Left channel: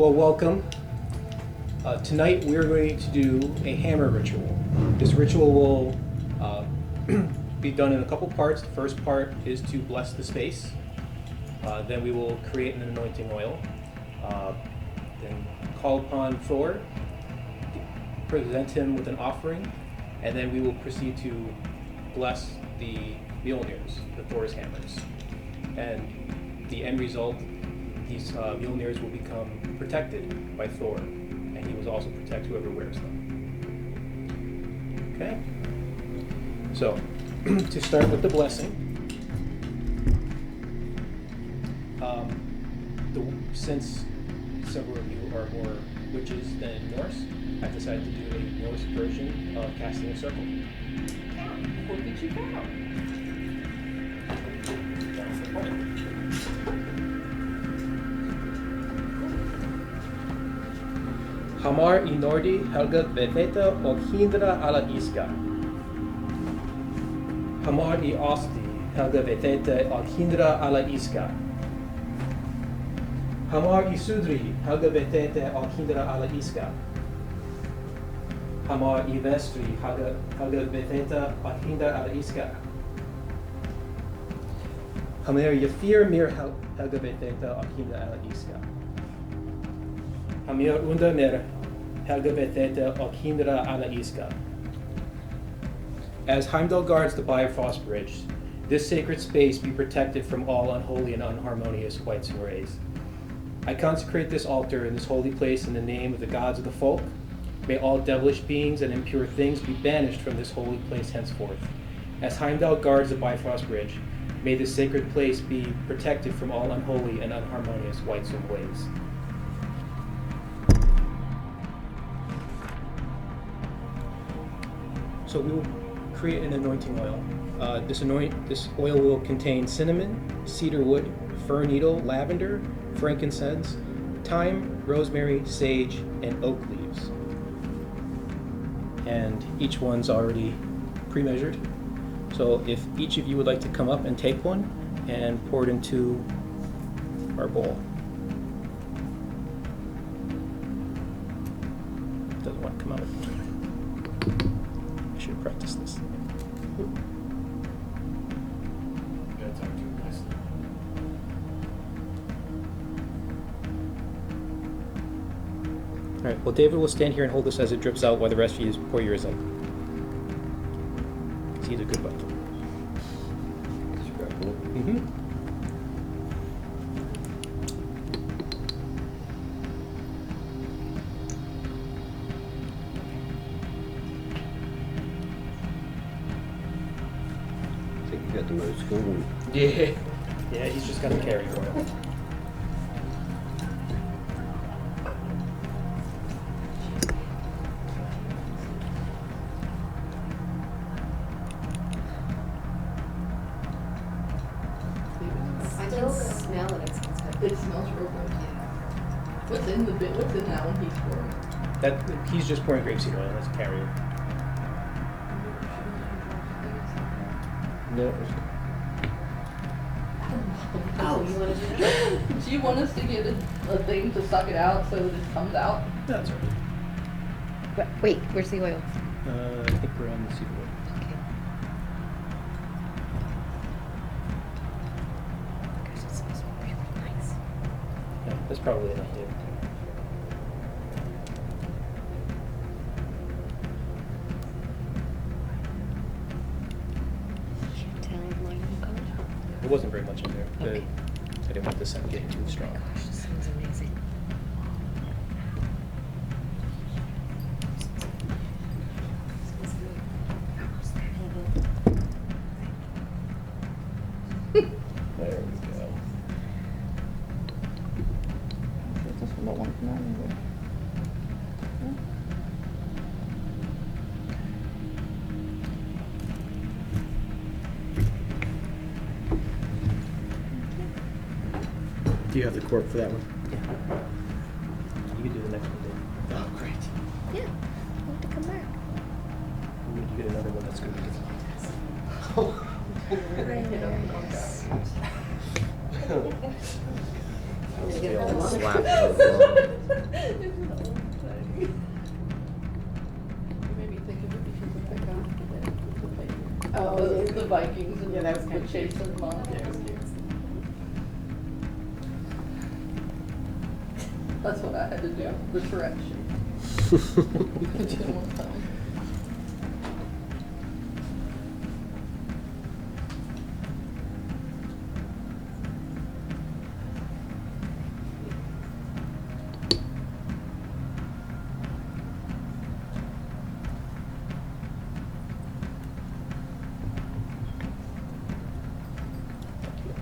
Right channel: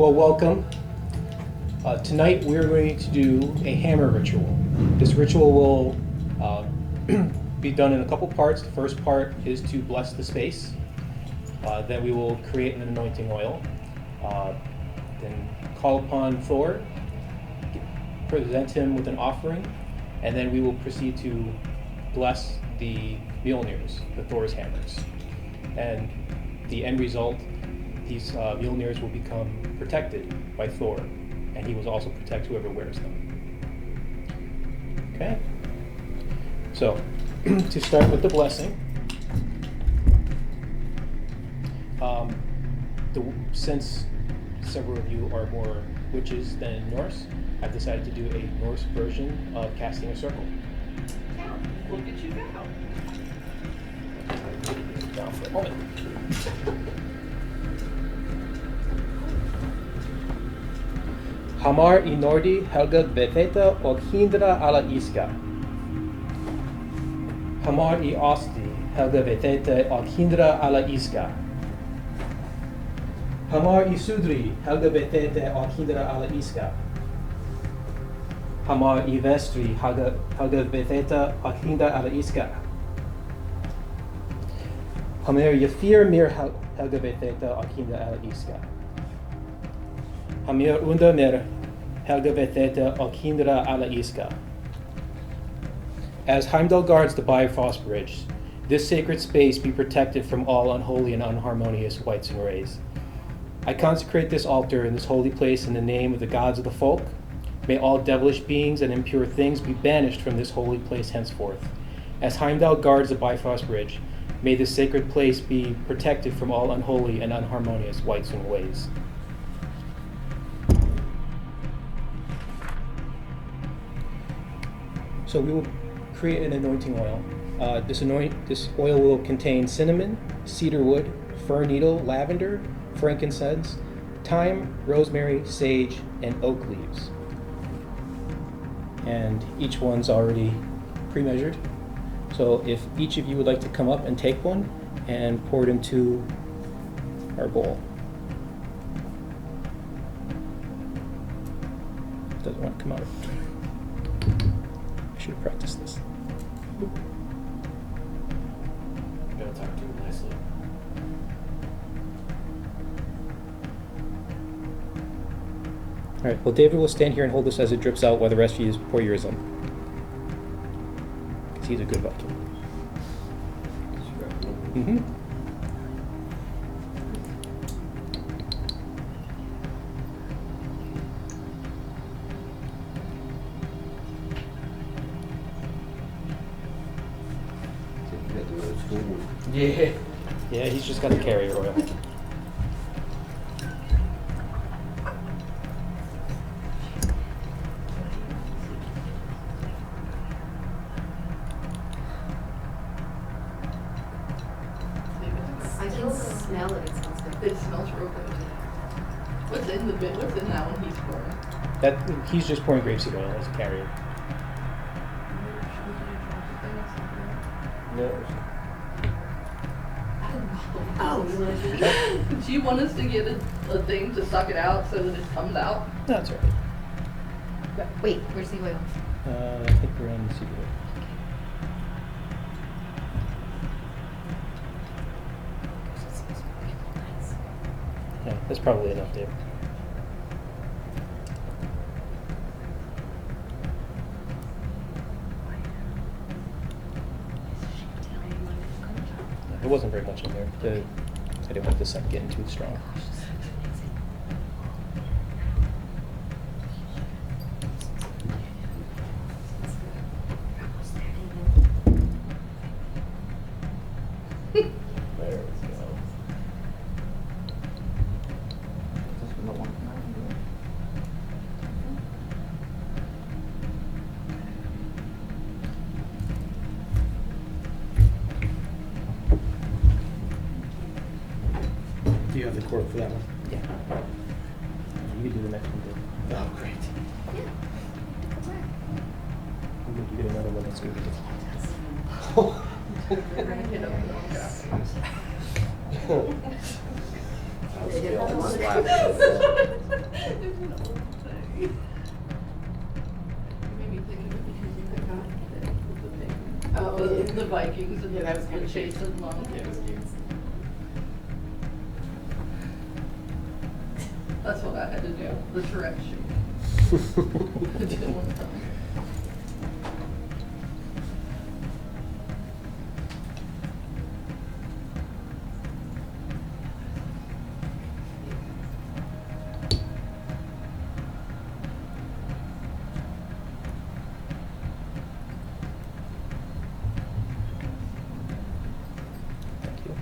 Well, welcome. Tonight we're going to do a hammer ritual. This ritual will be done in a couple parts. The first part is to bless the space. Then we will create an anointing oil. Then call upon Thor, present him with an offering, and then we will proceed to bless the Mjolnirs, the Thor's hammers. And the end result, these Mjolnirs will become protected by Thor, and he will also protect whoever wears them. Okay? So, to start with the blessing, since several of you are more witches than Norse, I've decided to do a Norse version of casting a circle. Look at you go. Down for a moment. Hamar I Nordi helga vetheta och hindra alla iska. Hamar I Osti helga vetheta och hindra alla iska. Hamar I Sudri helga vetheta och hindra alla iska. Hamar I Vestri helga vetheta och hindra alla iska. Hamar I Fyr mir helga vetheta och hindra alla iska. Hamir under mir helga vetheta och hindra alla iska. As Heimdall guards the Bifrost Bridge, this sacred space be protected from all unholy and unharmonious wights and rays. I consecrate this altar in this holy place in the name of the gods of the folk. May all devilish beings and impure things be banished from this holy place henceforth. As Heimdall guards the Bifrost Bridge, may this sacred place be protected from all unholy and unharmonious wights and ways. So we will create an anointing oil. This oil will contain cinnamon, cedar wood, fir needle, lavender, frankincense, thyme, rosemary, sage, and oak leaves. And each one's already pre-measured. So if each of you would like to come up and take one and pour it into our bowl. Doesn't want to come out. I should have practiced this. Gotta talk to him nicely. All right, well, David will stand here and hold this as it drips out while the rest of you pour yours in. Because he's a good Viking. Just grab one. Mm-hmm. I think you got the most full one. Yeah. Yeah, he's just got the carrier oil. I can smell it. It smells good. It smells real good. Yeah. What's in the bit? What's in that one he's pouring? That he's just pouring grapeseed oil as a carrier. No. Oh, you want to do that? Do you want us to get a thing to suck it out so that it comes out? No, that's all right. Wait, where's the oil? I think we're on the cedar wood. Okay. Gosh, it smells really nice. Yeah, that's probably enough, David. Tell mine will come. Yeah, there wasn't very much in there. Okay. I didn't want the scent getting too strong. Gosh, this smells amazing. There we go. This one don't want to come out either. Do you have the cork for that one? Yeah. You could do the next one, David. Oh, great. Yeah, you have to come back. You get another one that's going to be different. I was feeling slapped. It's an old thing. You made me think of it because of that guy that was the pagan. Oh, yeah. The Vikings and Yeah, that was the kinda chase cute. of monks. Yeah, it was cute. That's what I had to do, the Tourette shit. I didn't want to tell him. Thank you.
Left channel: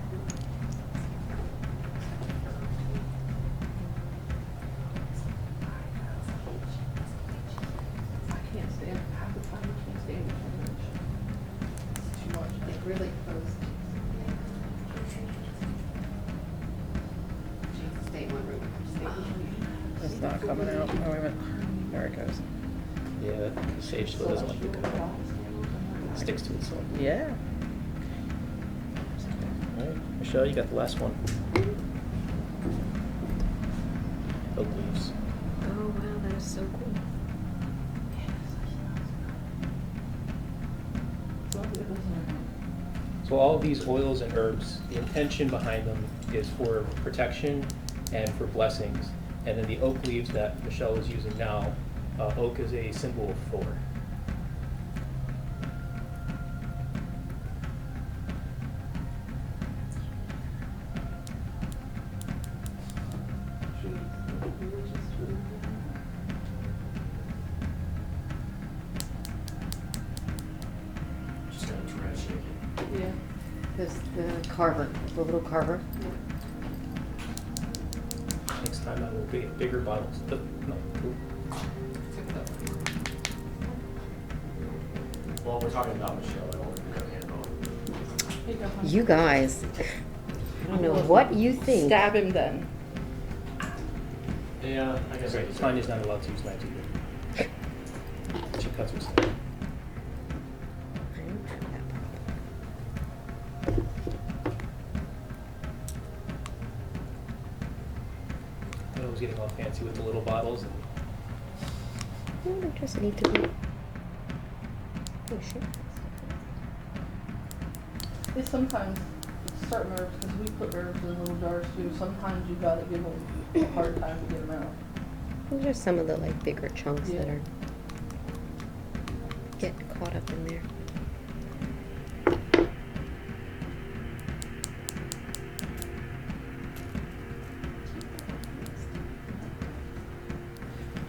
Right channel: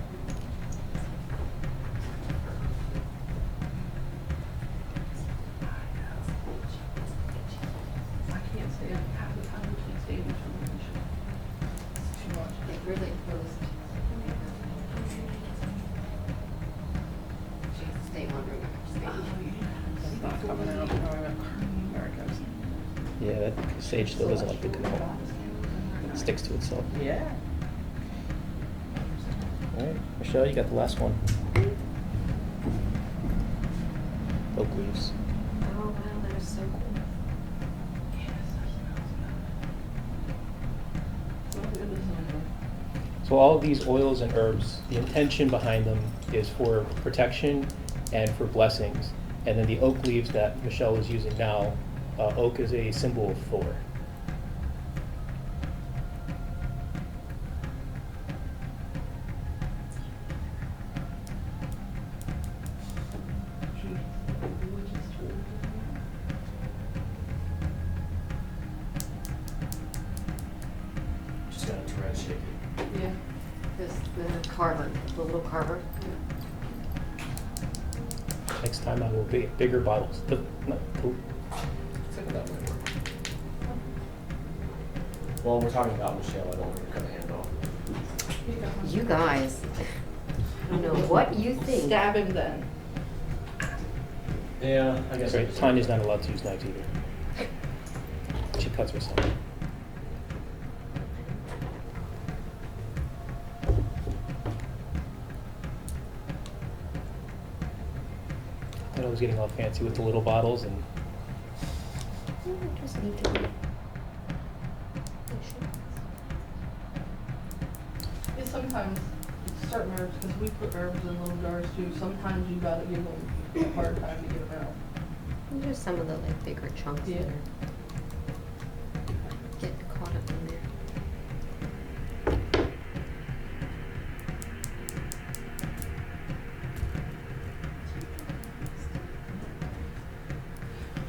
I can't stand, half the time I can't stand determination. It's too much. It really goes. Stay in one room, I have to stay. It's not coming out. Oh, wait a minute. There it goes. Yeah, the sage still doesn't like the control. It sticks to itself. Yeah. All right, Michelle, you got the last one. Oak leaves. Oh wow, that is so cool. So good, isn't it? So all of these oils and herbs, the intention behind them is for protection and for blessings. And then the oak leaves that Michelle is using now, oak is a symbol of Thor. Just gotta try to shake it. Yeah. This, the carver, the little carver. Next time I will be bigger bottles. No, cool. Well, we're talking about Michelle, I don't want to cut a hand off. You guys, I don't know what you think. Stab him then. Yeah, I guess. I Right, just- Tanya's not allowed to use knives either. She cuts herself. I don't have that problem. I thought I was getting all fancy with the little bottles and Well, they just need to be. Oh shit. Yeah, sometimes it's certain herbs, because we put herbs in little jars too, sometimes you gotta give them a hard time to get them out. Those are some of the like bigger chunks that Yeah. are getting caught up in there.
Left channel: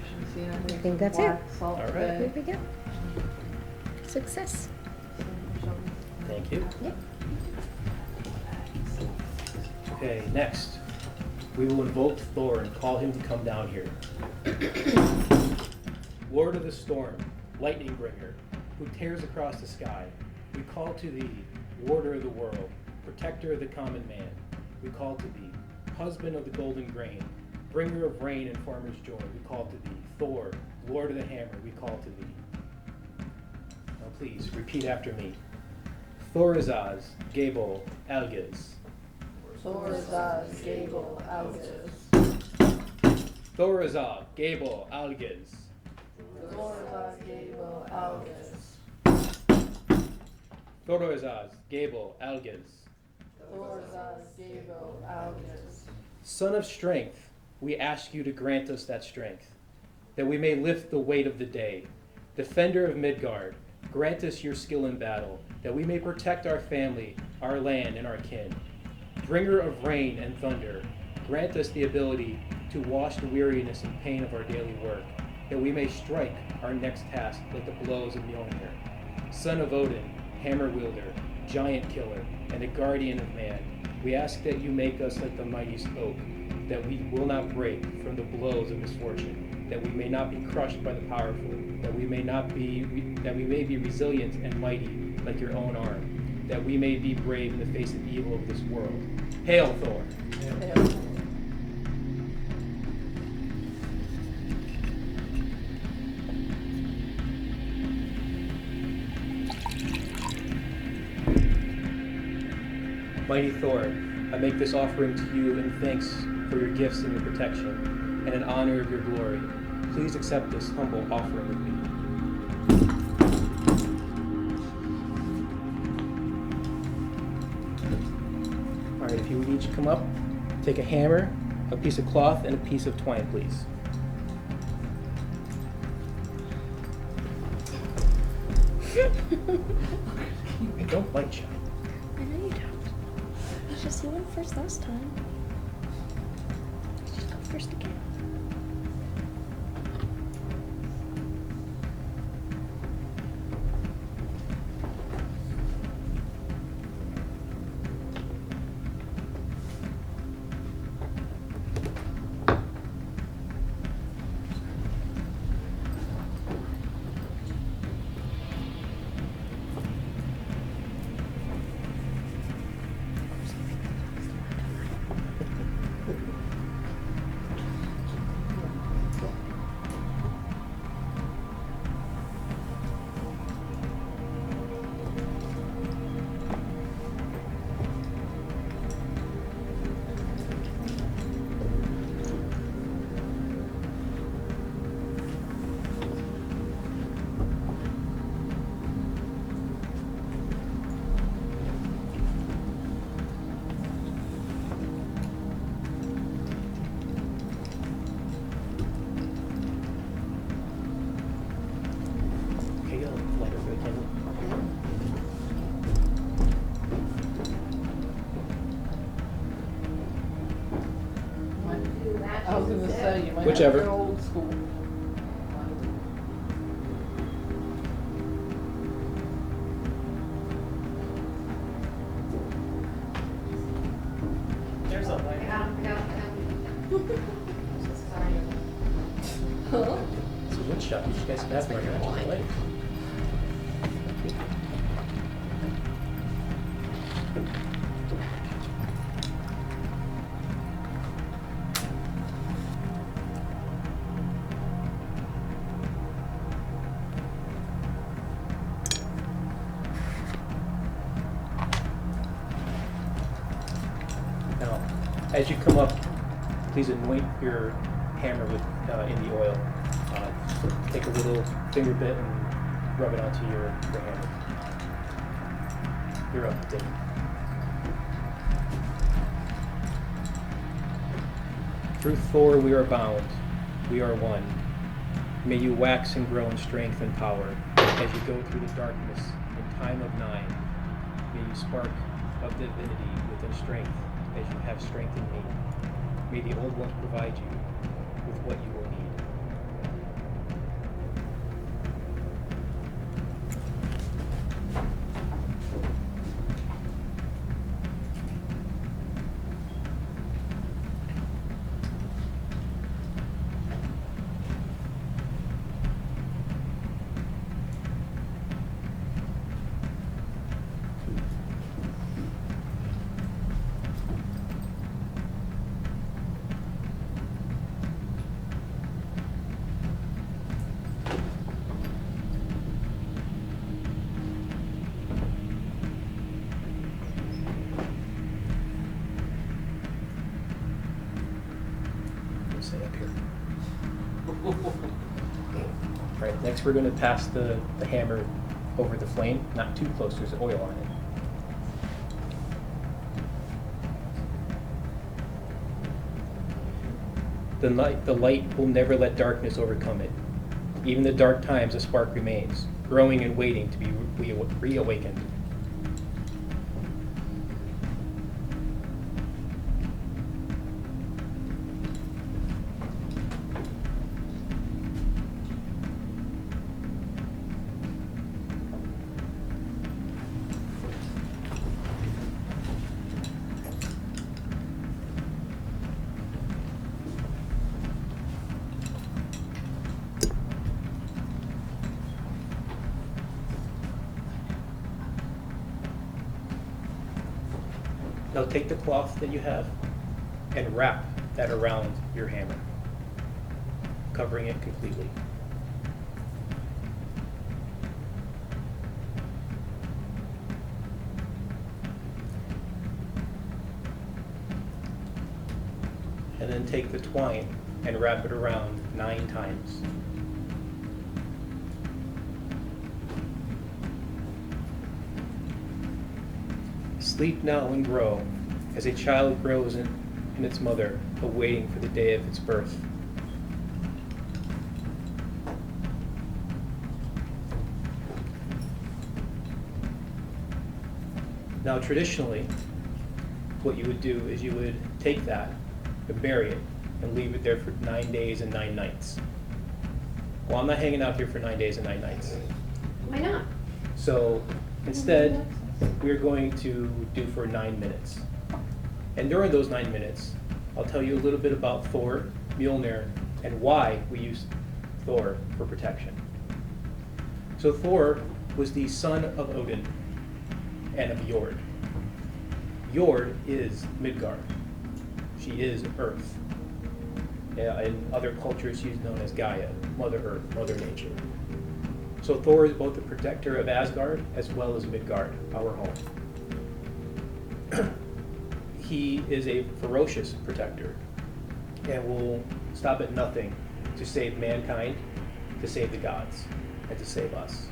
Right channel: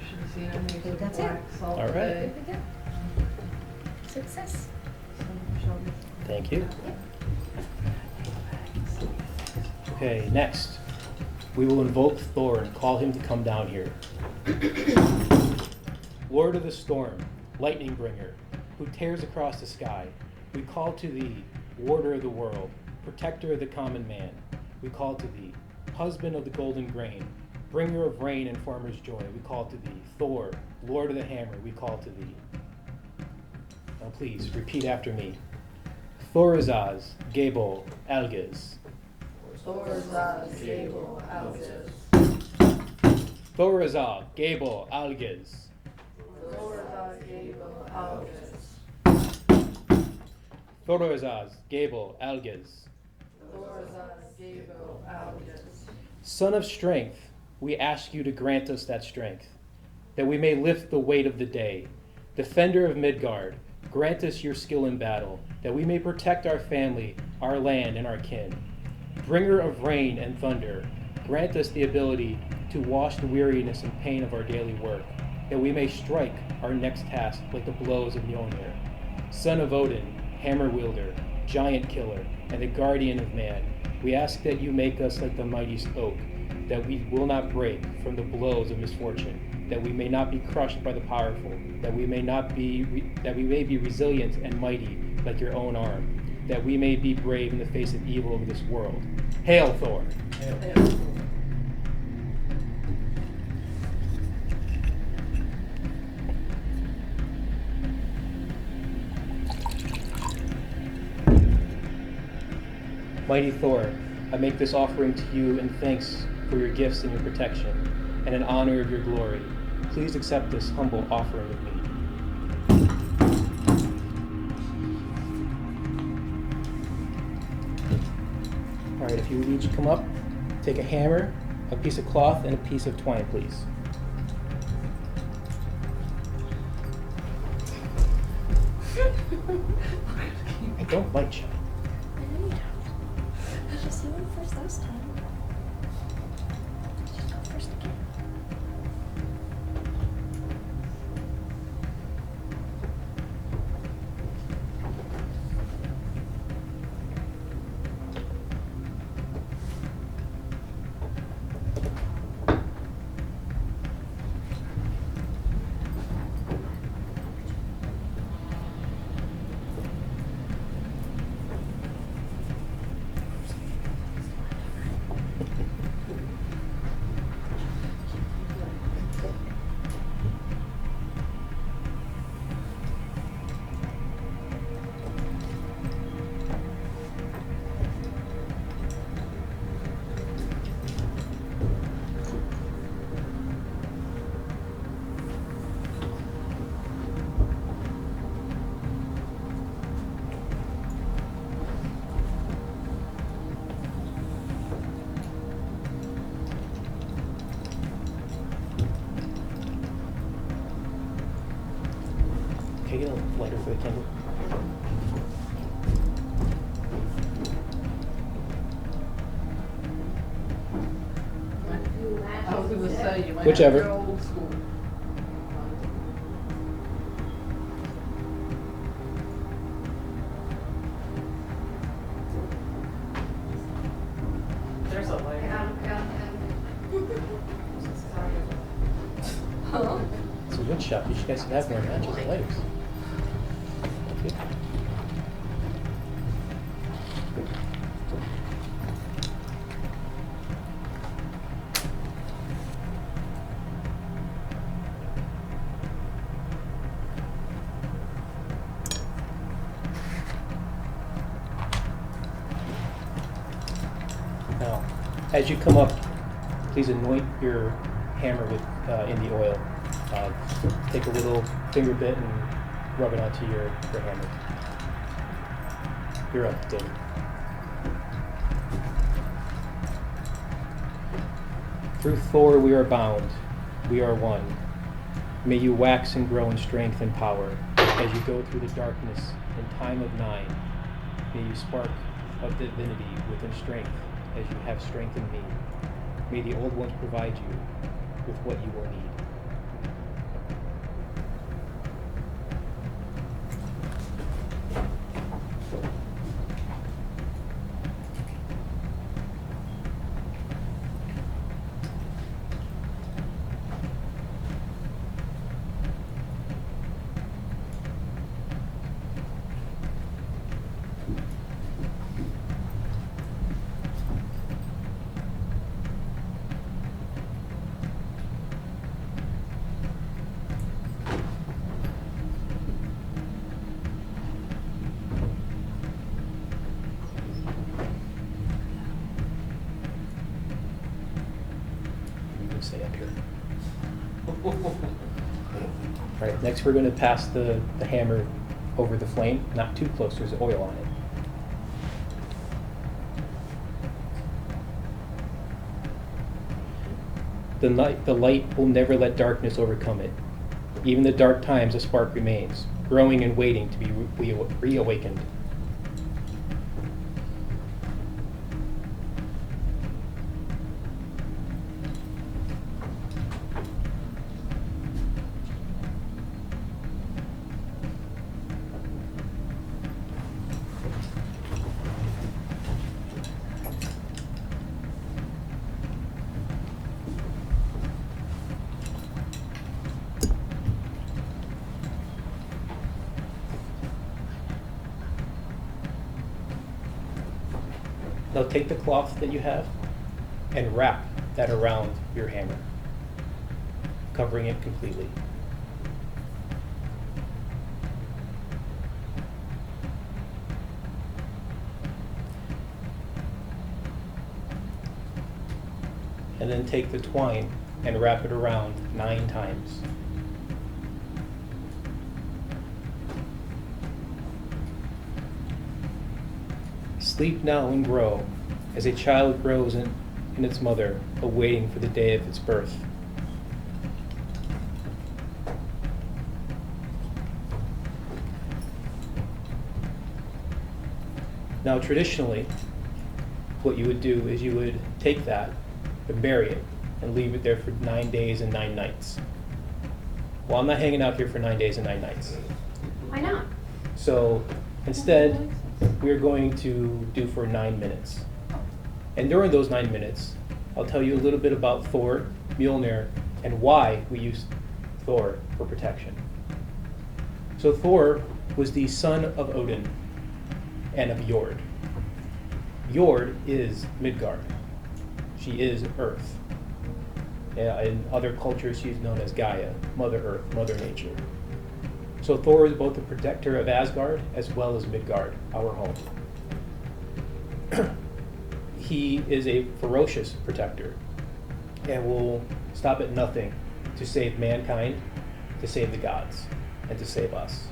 Should have seen I made think some that's it. black salt All right. today. There we go. Success. So Michelle needs to- thank you. Yep. Okay, next, we will invoke Thor and call him to come down here. Lord of the storm, lightning bringer, who tears across the sky, we call to thee, warder of the world, protector of the common man. We call to thee, husband of the golden grain, bringer of rain and farmer's joy. We call to thee, Thor, Lord of the hammer. We call to thee. Now please, repeat after me. Thorazaz, Gabel, Algaz. Thorazaz, Gable, Algaz. Thorazaz, Gabel, Algaz. Thorazaz, Gable, Algaz. Thorazaz, Gabel, Algaz. Thorazaz, Gable, Algaz. Son of strength, we ask you to grant us that strength, that we may lift the weight of the day. Defender of Midgard, grant us your skill in battle, that we may protect our family, our land, and our kin. Bringer of rain and thunder, grant us the ability to wash the weariness and pain of our daily work, that we may strike our next task like the blows of Mjolnir. Son of Odin, hammer wielder, giant killer, and the guardian of man, we ask that you make us like the mightiest oak, that we will not break from the blows of misfortune, that we may not be crushed by the powerful, that we may be resilient and mighty like your own arm, that we may be brave in the face of evil of this world. Hail Thor! Mighty Thor, I make this offering to you in thanks for your gifts and your protection. and in honor of your glory, please accept this humble offering of me. All right, if you would each come up, take a hammer, a piece of cloth, and a piece of twine, please. I don't bite shy. I know you don't. It's just you went first last time. Let's just go first again. Can I get a lighter for the candle? I was gonna say, you might Whichever. have to go old school. There's a light. Huh? It's a wood shop. You guys should have more magic lighters. Thank you. Now, as you come up, please anoint your hammer with in the oil. Take a little finger bit and rub it onto your hammer. You're up, David. Through Thor we are bound, we are one. May you wax and grow in strength and power as you go through the darkness in time of 9. May you spark of divinity within strength as you have strength in me. May the old ones provide you with what you will need. Stay up here. All right, next we're going to pass the hammer over the flame, not too close, there's oil on it. The light will never let darkness overcome it. Even the dark times, a spark remains, growing and waiting to be reawakened. Now take the cloth that you have and wrap that around your hammer, covering it completely. And then take the twine and wrap it around 9 times. Sleep now and grow, as a child grows in its mother, awaiting for the day of its birth. Now, traditionally, what you would do is you would take that and bury it and leave it there for 9 days and 9 nights. Well, I'm not hanging out here for 9 days and 9 nights. Why not? So instead, we're going to do for 9 minutes. And during those 9 minutes, I'll tell you a little bit about Thor, Mjolnir, and why we use Thor for protection. So Thor was the son of Odin and of Jord. Jord is Midgard. She is Earth. In other cultures, she's known as Gaia, Mother Earth, Mother Nature. So Thor is both the protector of Asgard as well as Midgard, our home. He is a ferocious protector and will stop at nothing to save mankind, to save the gods, and to save us.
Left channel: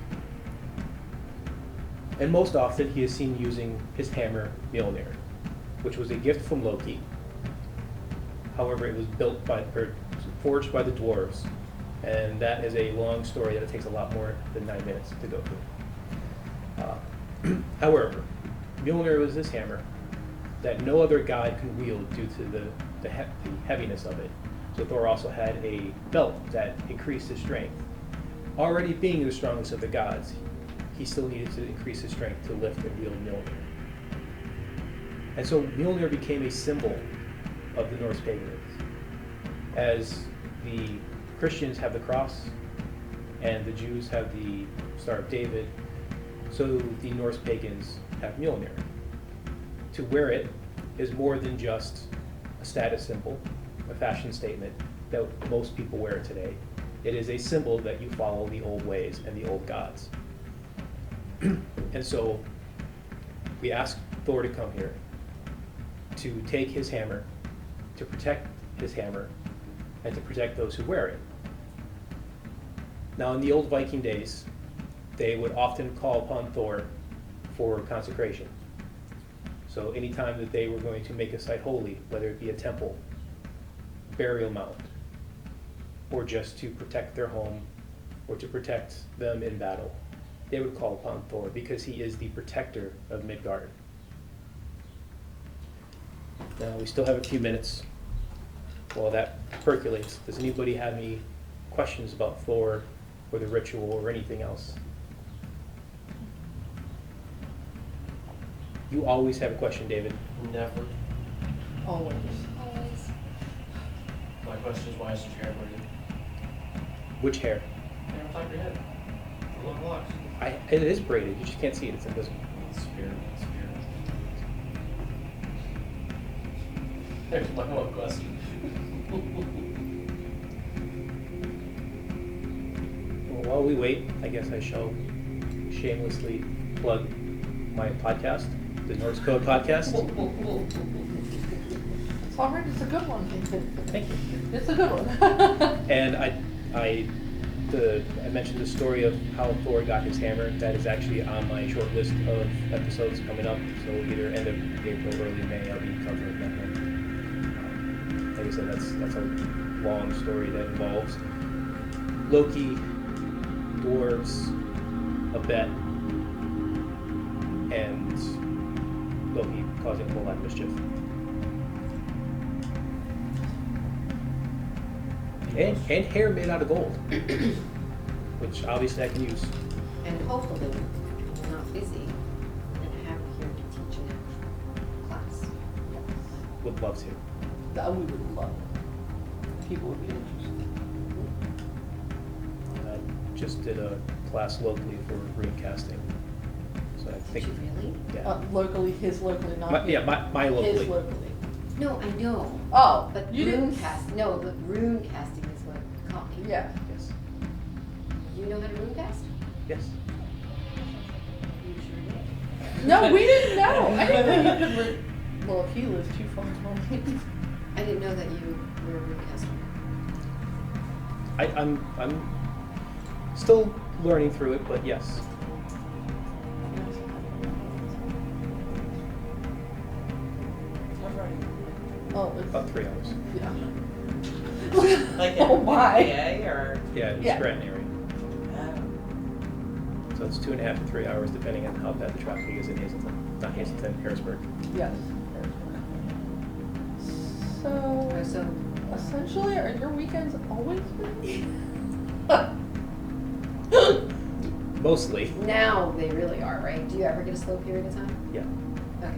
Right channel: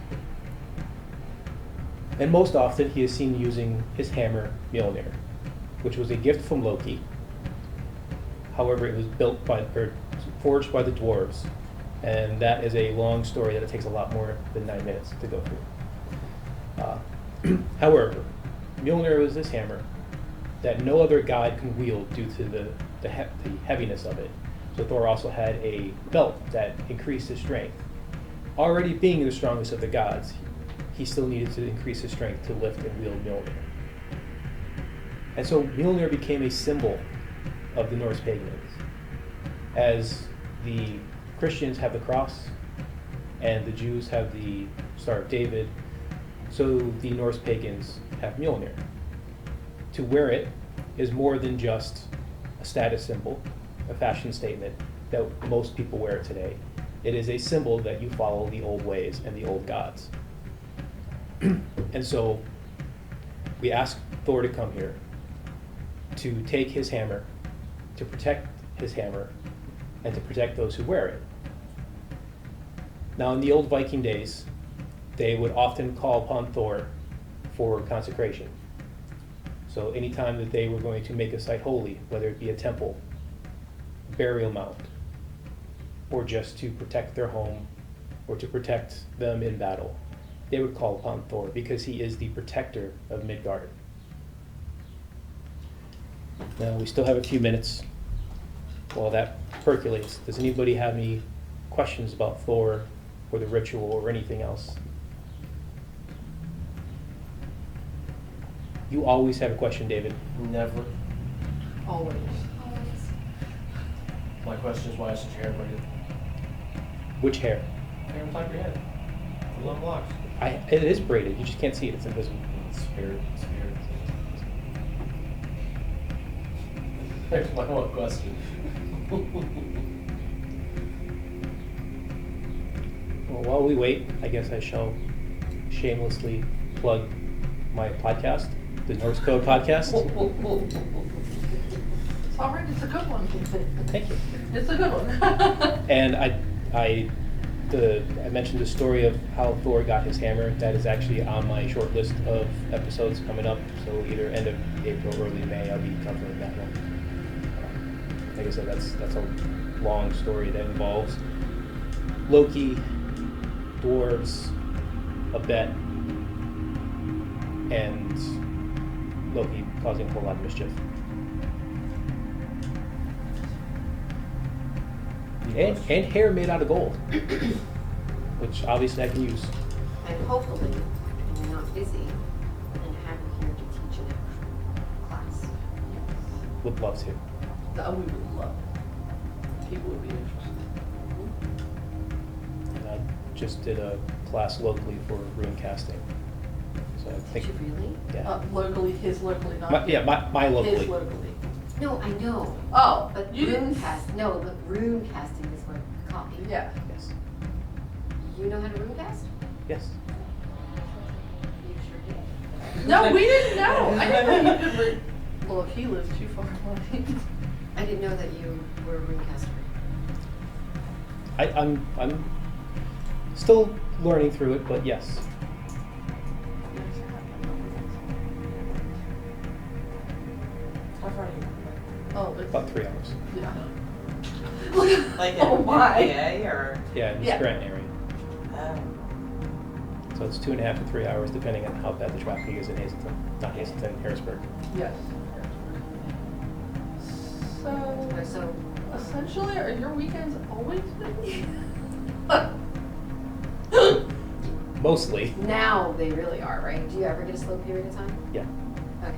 And most often he is seen using his hammer, Mjolnir, which was a gift from Loki. However, it was forged by the dwarves, and that is a long story that it takes a lot more than 9 minutes to go through. However, Mjolnir was this hammer that no other god can wield due to the heaviness of it. So Thor also had a belt that increased his strength. Already being the strongest of the gods, he still needed to increase his strength to lift and wield Mjolnir. And so Mjolnir became a symbol of the Norse pagans. As the Christians have the cross and the Jews have the Star of David, so the Norse pagans have Mjolnir. To wear it is more than just a status symbol, a fashion statement that most people wear it today. It is a symbol that you follow the old ways and the old gods. And so we asked Thor to come here to take his hammer, to protect his hammer, and to protect those who wear it. Now, in the old Viking days, they would often call upon Thor for consecration. So anytime that they were going to make a site holy, whether it be a temple, burial mound, or just to protect their home, or to protect them in battle, they would call upon Thor because he is the protector of Midgard. Now, we still have a few minutes while that percolates. Does anybody have any questions about Thor or the ritual or anything else? You always have a question, David. Never. Always. Always. My question is, why is your hair braided? Which hair? Hair on top of your head. The long locks. It is braided. You just can't see it. It's invisible. Spirit. There's my one question. Well, while we wait, I guess I shall shamelessly plug my podcast, the Norse Code Podcast. It's all right, it's a good one. Thank you. It's a good one. And I mentioned the story of how Thor got his hammer. That is actually on my short list of episodes coming up. So either end of April, early May, I'll be covering that one. Like I said, that's a long story that involves Loki, dwarves, a bet, and Loki causing a whole lot of mischief. And hair made out of gold, which obviously I can use. And hopefully, when you're not busy, we're going to have you here to teach an actual class. Yes. Would love to. That we would love it. People would be interested. And I just did a class locally for rune casting. So I think, Did you really? yeah. Locally, his locally, not My locally. his locally. No, I know. Oh, But you rune didn't. cast, no, the rune casting is what copy. Yeah. Yes. You know how to rune cast? Yes. You sure did. No, we didn't know. I didn't know you could live. Well, if he lives too far away. I didn't know that you were a rune caster. I'm still learning through it, but yes. You guys have I've already, Oh, it's, About 3 hours. yeah. like Oh in my. PA or? Yeah, in the Yeah. Scranton area. Oh. So it's 2.5 to 3 hours, depending on how bad the traffic is in Hazleton. Not Hazleton, Harrisburg. Yes, Harrisburg. So, So, essentially, are your weekends always busy? Mostly. now they really are, right? Do you ever get a slow period of time? Yeah. Okay.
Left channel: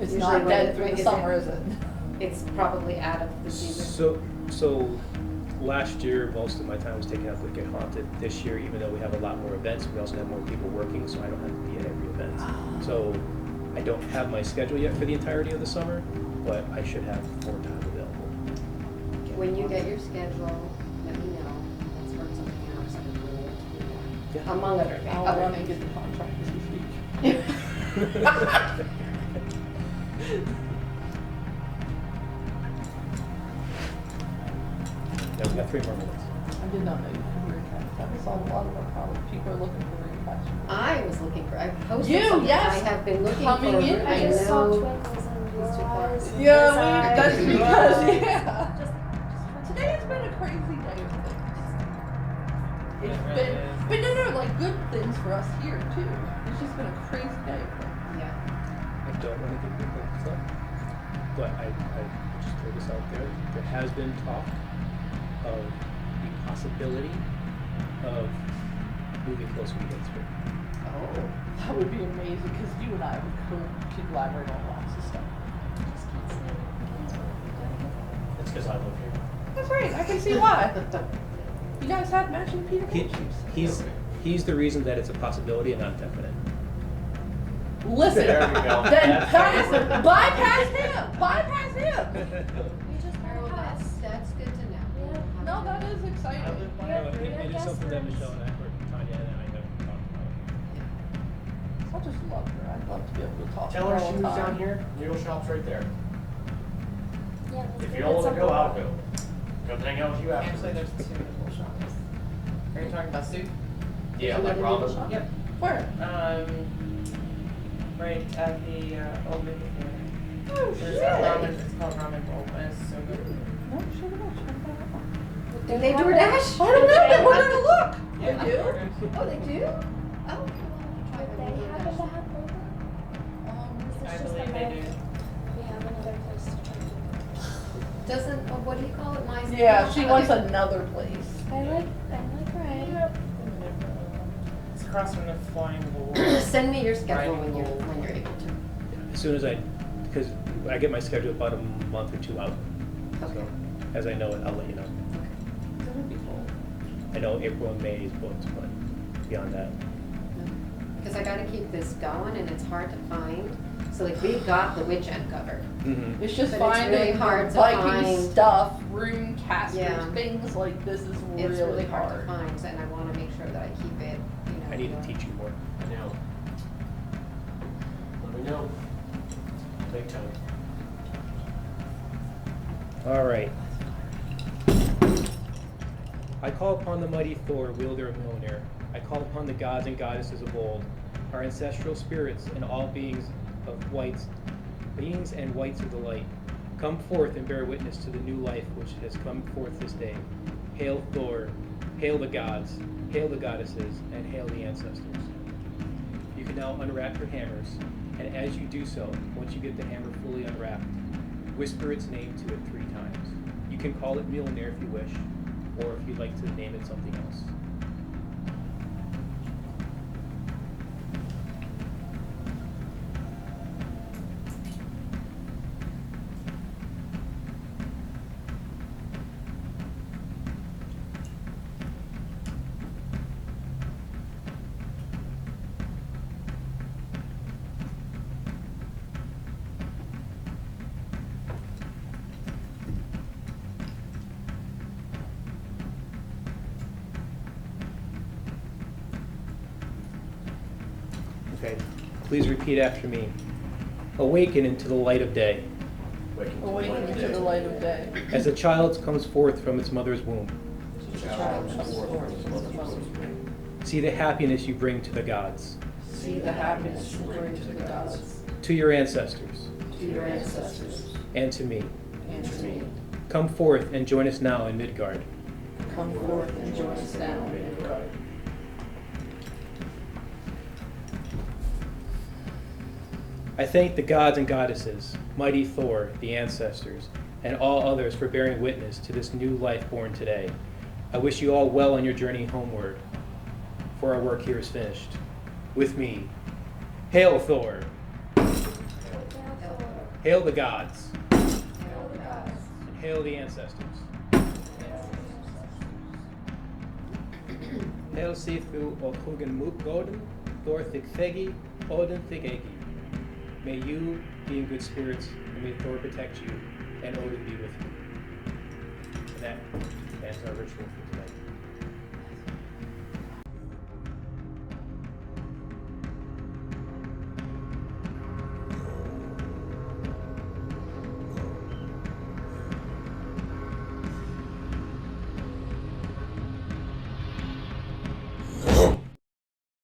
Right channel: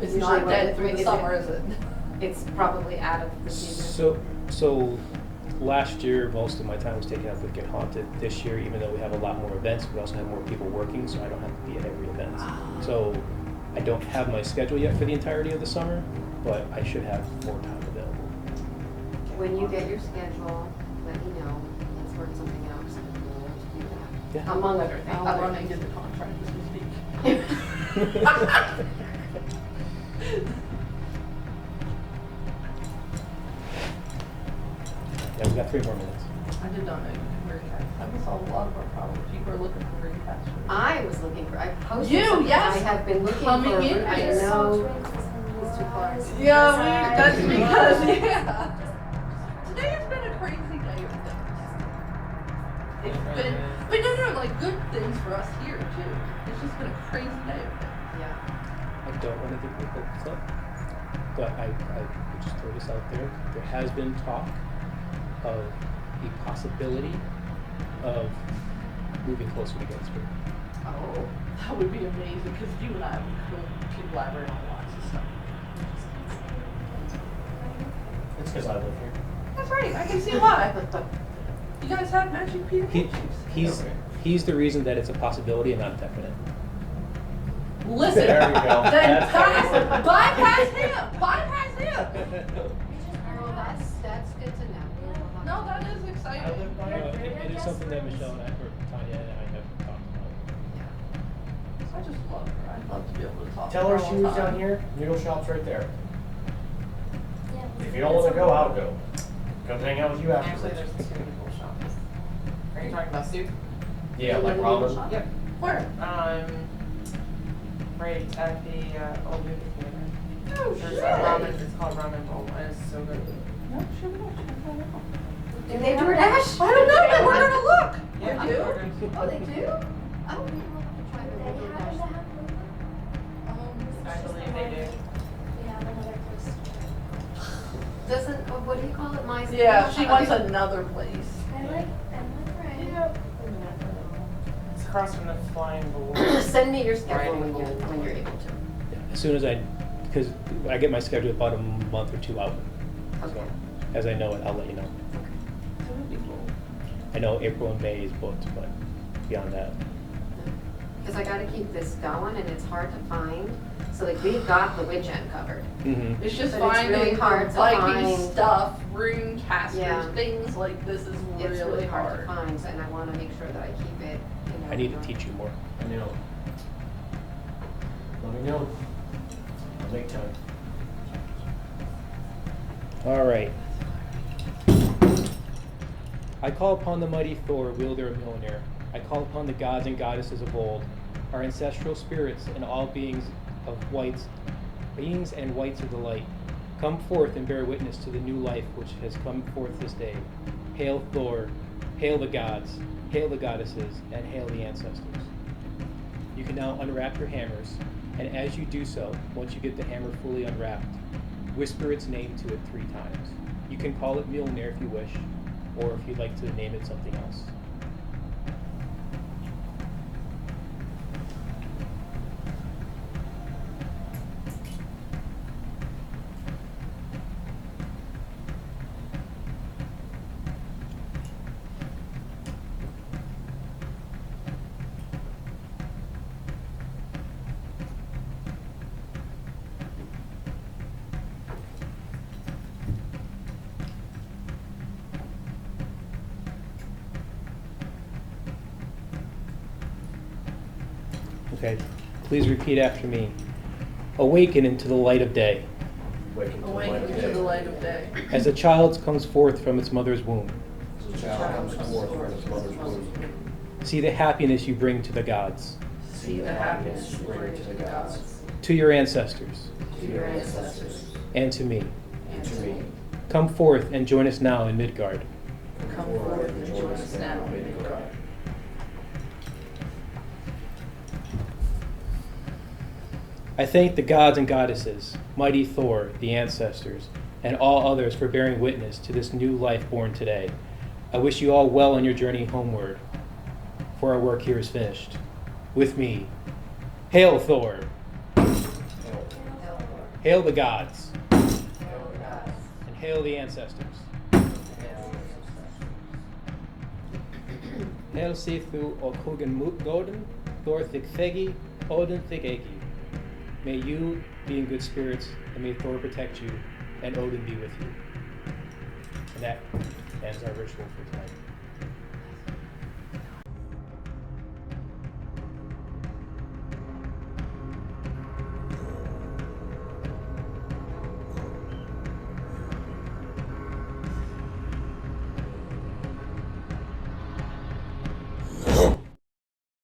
It's Usually not when dead it- through when the is summer, it? is it? It's probably out of the season. So last year, most of my time was taken up with Get Haunted. This year, even though we have a lot more events, we also have more people working, so I don't have to be at every event. So I don't have my schedule yet for the entirety of the summer, but I should have more time available. When you get your schedule, let me know. Let's work something out, because I would really love to do that. Yeah. Among other things. I'll other run and things. get the contract as we speak. Yeah, we got 3 more minutes. I did not know you could recast. That would solve a lot of our problems. People are looking for recast. I was looking for, I posted You, something. yes. I have been looking Coming for, in, I I just saw know. twinkles in your These two parts. eyes. Yeah, Yes, that's I- because, yeah. Just Today has been a crazy day of things. It's It really been, is. but no, like good things for us here too. It's just been a crazy day of things. Yeah. I don't want to get your hopes up, but I will just throw this out there. There has been talk of the possibility of moving closer to Gettysburg. Oh. That would be amazing because you and I could collaborate on lots of stuff. just can't say Gettysburg. Gotta move. That's because I live here. That's right. I can see why. You guys have matching Peter He, Pan shoes. he's the reason that it's a possibility and not definite. Listen. There you go. Then That's- bypass him. Bypass him. We just Oh, bought a house. that's good to know. Yeah. We'll No, have that to- is I exciting. live by Yeah. it. It is guest something that rooms. Michelle and I, or Tanya and I have talked about. Yeah. I just love her. I'd love to be able to talk Tell to her her all she the was time. down here, noodle shop's right there. Yeah, let's If go you don't wanna get go, some- I'll go. Come hang out with you Actually, afterwards. there's 2 equal shops. Are you talking about soup? Yeah, like Noodle ramen. shop? Yep. Where? Right at the old movie theater. Oh There's shit. a ramen, it's called Ramen Bowl, and it's so good. No shit. I'll check that out. Do they do Dash? I don't know, but we're gonna look. Yeah, We do? burgers. Oh, they do? Oh, we will have to try Do the they Noodle happen to Dash. have boba? Or is I this just believe a they market? do. We have another place to try boba. Doesn't, what do you call it, my? Yeah, she wants Okay. another place. I like Ryan. It's across from the Flying Bull. Send me your schedule Riding when Bull. you're able to. Yeah, as soon as because I get my schedule about a month or 2 out. Okay. So as I know it, I'll let you know. Okay. That would be cool. I know April and May is booked, but beyond that, Because I gotta keep this going and it's hard to find. So like we've got the witch end covered. It's just But it's really finding hard to Viking find. stuff, rune casters, Yeah. things like this is really, It's really hard hard. to find and I wanna make sure that I keep it, you know. I need to teach you more. I know. Let me know. I'll make time. All right. I call upon the mighty Thor, wielder of Mjolnir. I call upon the gods and goddesses of old, our ancestral spirits and all beings and whites of the light. Come forth and bear witness to the new life which has come forth this day. Hail Thor, hail the gods, hail the goddesses, and hail the ancestors. You can now unwrap your hammers, and as you do so, once you get the hammer fully unwrapped, whisper its name to it 3 times. You can call it Mjolnir if you wish, or if you'd like to name it something else. Okay, please repeat after me. Awaken into the light of day. Waking to the light Awaken of to the day. light of day. As a child comes forth from its mother's womb, As a The child comes forth from his mother's womb. See the happiness you bring to the gods, See the happiness you bring to the gods, to your ancestors, to your ancestors, and to me. and to me. Come forth and join us now in Midgard. Come forth and join us now in Midgard. I thank the gods and goddesses, mighty Thor, the ancestors, and all others for bearing witness to this new life born today. I wish you all well on your journey homeward, for our work here is finished. With me, hail Thor! Hail the gods! And hail the ancestors! Hail Sithu og Hugen Godin, Thor Thigthegi, Odin Thigegi. May you be in good spirits, and may Thor protect you, and Odin be with you. And that ends our ritual for tonight.